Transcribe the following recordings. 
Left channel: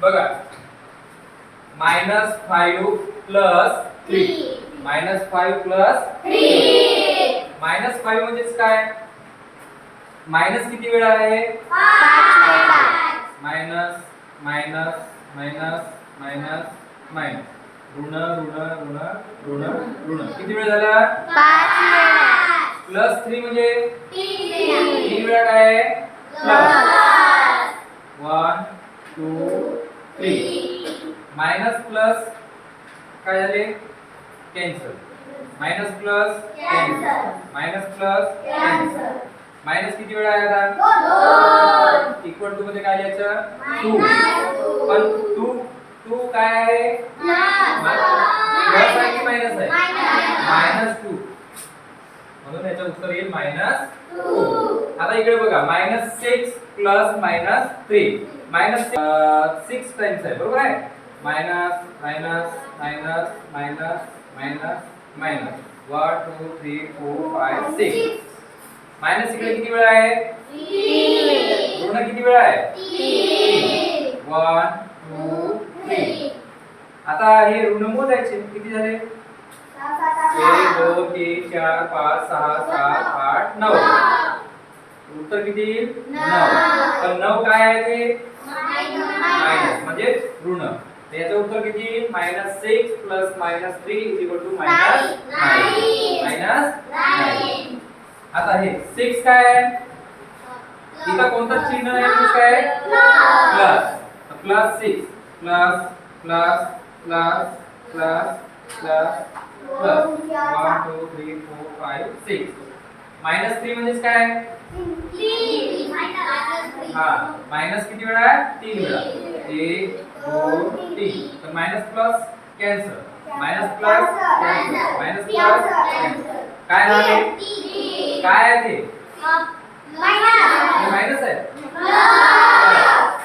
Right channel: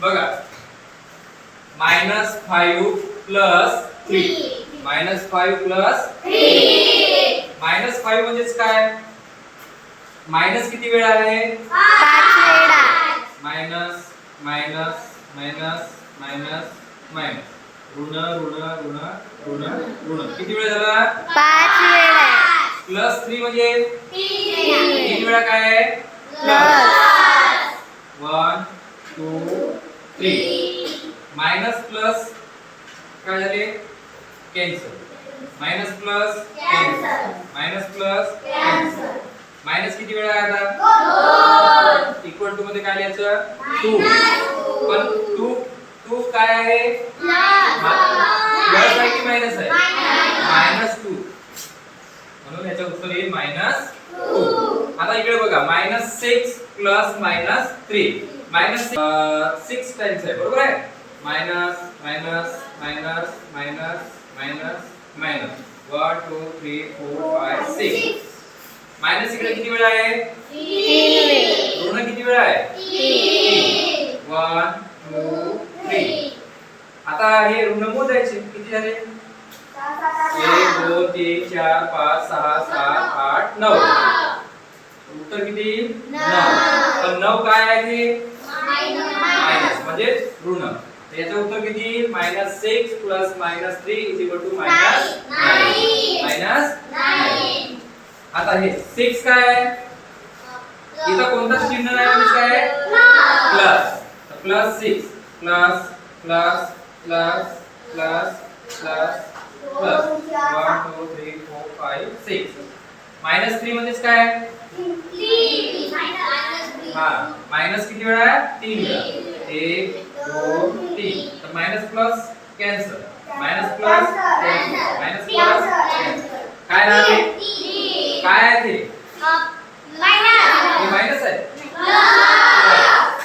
बघा -5 plus 3 -5 plus 3 -5 म्हणजेच काय? मायनस किती वेळा आहे? 5 वेळा. Minus minus minus minus minus ऋण ऋण ऋण ऋण ऋण किती वेळा झाला? 5 वेळा. प्लस 3 म्हणजे 3 वेळा काय आहे? प्लस 1 2 3 मायनस प्लस काय झाले? Cancel. Minus plus cancel. Minus plus cancel. Minus किती वेळा आहे आता? 2 इक्वल टू मध्ये काय लिहायचं? 2. पण 2 काय आहे? प्लस आहे की मायनस आहे? -2. म्हणून याचं उत्तर येईल -2. आता इकडे बघा -6 प्लस -3 -6 टाइम्स आहे, बरोबर आहे? Minus minus minus minus minus minus 1 2 3 4 5 6 minus इकडे किती वेळा आहे? 3 वेळा. ऋण किती वेळा आहे? 3. 1 2 3. आता हे ऋण मोजायचे किती झाले? 1 2 3 4 5 6 7 8 9. उत्तर किती? 9. पण 9 काय आहे ते? मायनस म्हणजे ऋण. तर याचे उत्तर किती? -6 प्लस -3 -9. आता हे 6 काय आहे? इथं कोणतं चिन्ह आहे म्हणजे काय आहे? Plus. Plus 6 plus plus plus plus plus plus 1 2 3 4 5 6 -3 म्हणजे काय? हा मायनस किती वेळा आहे? 3 वेळा. 1 2 3. तर minus plus cancel. Minus plus cancel. Minus plus cancel. काय राहते? काय आहे ते? हे मायनस आहे.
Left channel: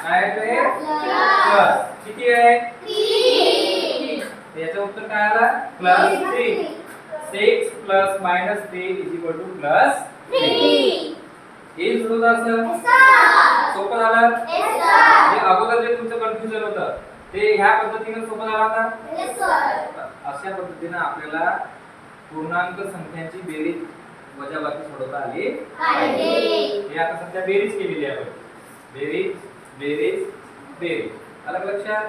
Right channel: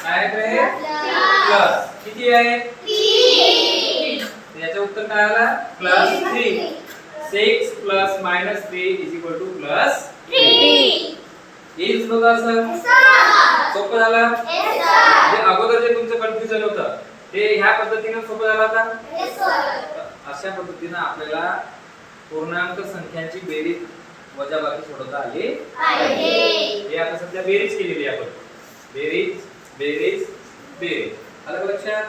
काय आहे ते? प्लस. किती आहे? 3. याचं उत्तर काय आलं? +3. 6 प्लस -3 +3. हे सुरू असं सोपं झालं. म्हणजे अगोदर जे तुमचं कन्फ्युजन होतं ते ह्या पद्धतीने सोपं झालं आता. अशा पद्धतीने आपल्याला पूर्णांक संख्यांची बेरीज वजाबाकी सोडवता आली पाहिजे. हे आता सध्या बेरीज केलेली आहे आपण. बेरीज बेरीज बेरीज. आलं का लक्षात?